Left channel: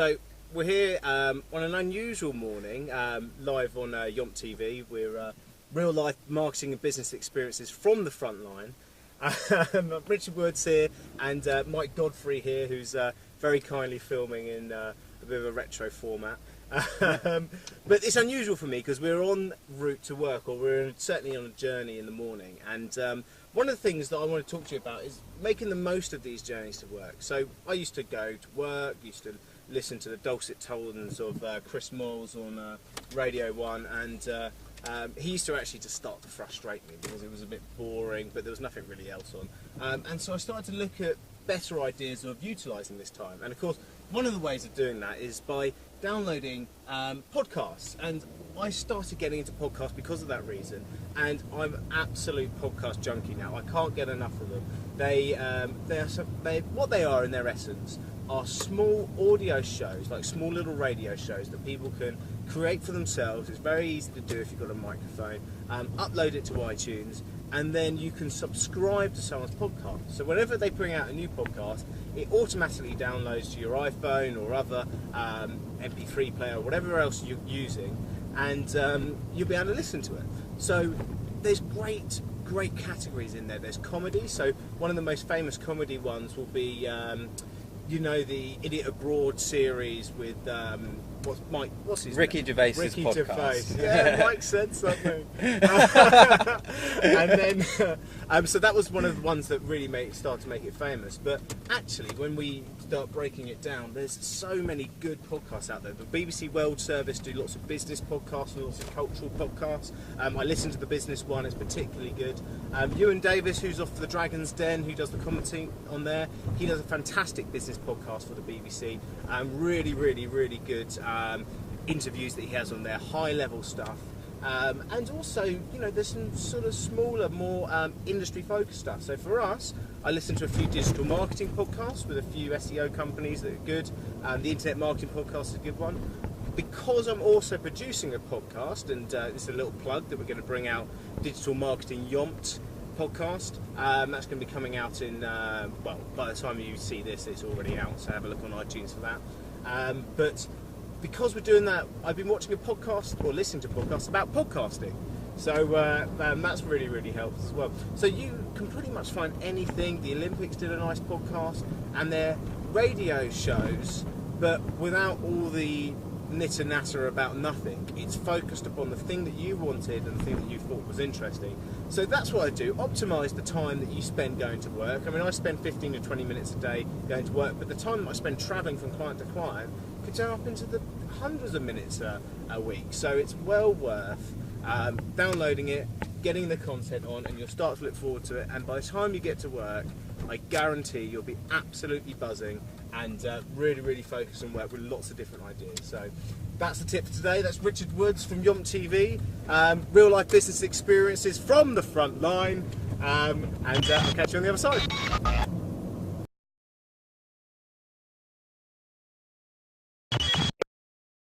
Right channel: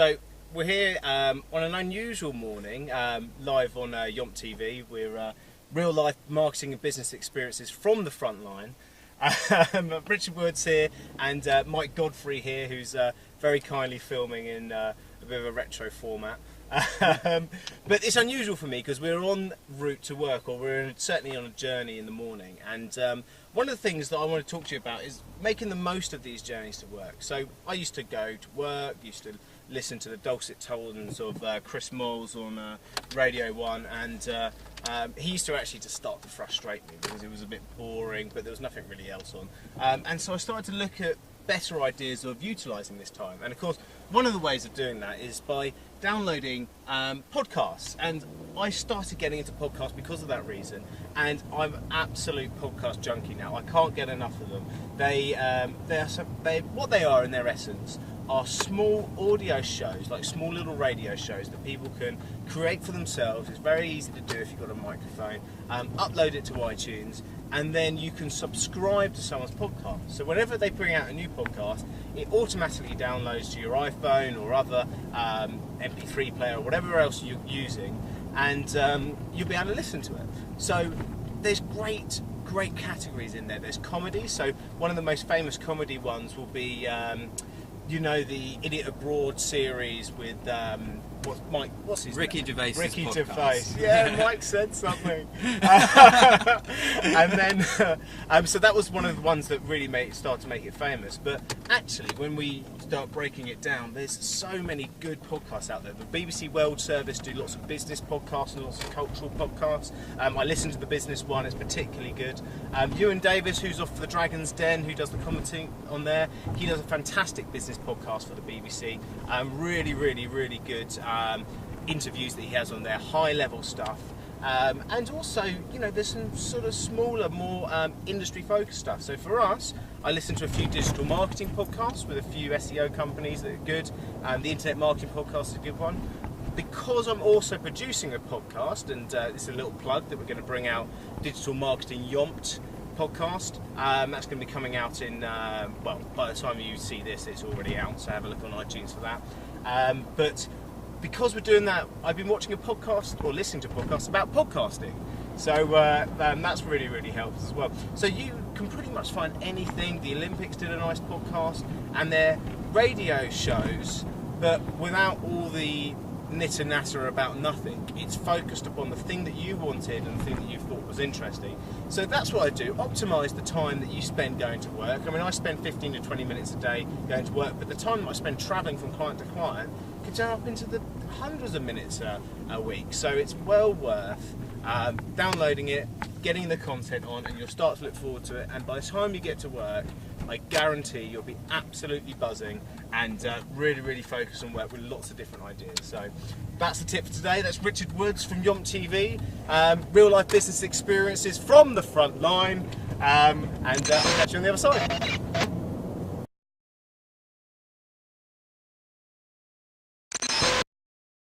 So we're here on an unusual morning, live on YompTV. We're real life marketing and business experiences from the front line. Richard Woods here and Mike Godfrey here, who's very kindly filming in a bit of a retro format. But it's unusual for me because we're en route to work, or we're certainly on a journey in the morning. And one of the things that I want to talk to you about is making the most of these journeys to work. So I used to go to work, used to listen to the dulcet tones of Chris Moles on Radio 1, and he used to actually just start to frustrate me because it was a bit boring, but there was nothing really else on. And so I started to look at better ideas of utilising this time. And of course, one of the ways of doing that is by downloading podcasts. And I started getting into podcasts because of that reason. And I'm an absolute podcast junkie now. I can't get enough of them. What they are in their essence are small audio shows, like small little radio shows that people can create for themselves. It's very easy to do if you've got a microphone. Upload it to iTunes, and then you can subscribe to someone's podcast. So whenever they bring out a new podcast, it automatically downloads to your iPhone or other MP3 player or whatever else you're using, and you'll be able to listen to it. So there's great categories in there. There's comedy. So one of the most famous comedy ones will be you know, the Idiot Abroad series with what's his Ricky name? Gervais's Ricky podcast. Gervais. Yeah, Mike said something. And then, so that was one of the ones that really started to make it famous. But actually, when we start breaking it down, there's so many good podcasts out there. The BBC World Service do lots of business podcasts and lots of cultural podcasts. I listen to the business one; it's particularly good. Ewan Davis, who's off the Dragon's Den, who does the commenting on there, he does a fantastic business podcast for the BBC. Really good interviews that he has on there, high level stuff. And also, you know, there's some sort of smaller, more industry focused stuff. So for us, I listen to a few digital marketing podcasts with a few SEO companies that are good. The Internet Marketing Podcast is a good one. Because I'm also producing a podcast, and it's a little plug that we're going to bring out, Digital Marketing Yomp podcast. That's going to be coming out in, well, by the time you see this, it's already out, so have a look on iTunes for that. But because we're doing that, I've been watching a podcast, or listening to podcasts about podcasting. So that's really helped as well. So you can pretty much find anything. The Olympics did a nice podcast, and they're radio shows, but without all the knitter natter about nothing. It's focused upon the thing that you wanted and the thing that you thought was interesting. So that's what I do, optimise the time that you spend going to work. I mean, I spend 15 to 20 minutes a day going to work, but the time that I spend travelling from client to client can turn up into the hundreds of minutes a week. So it's well worth downloading it, getting the content on, and you'll start to look forward to it. And by the time you get to work, I guarantee you'll be absolutely buzzing and really focused on work with lots of different ideas. So that's the tip for today. That's Richard Woods from YompTV. Real life business experiences from the front line. And I'll catch you on the other side.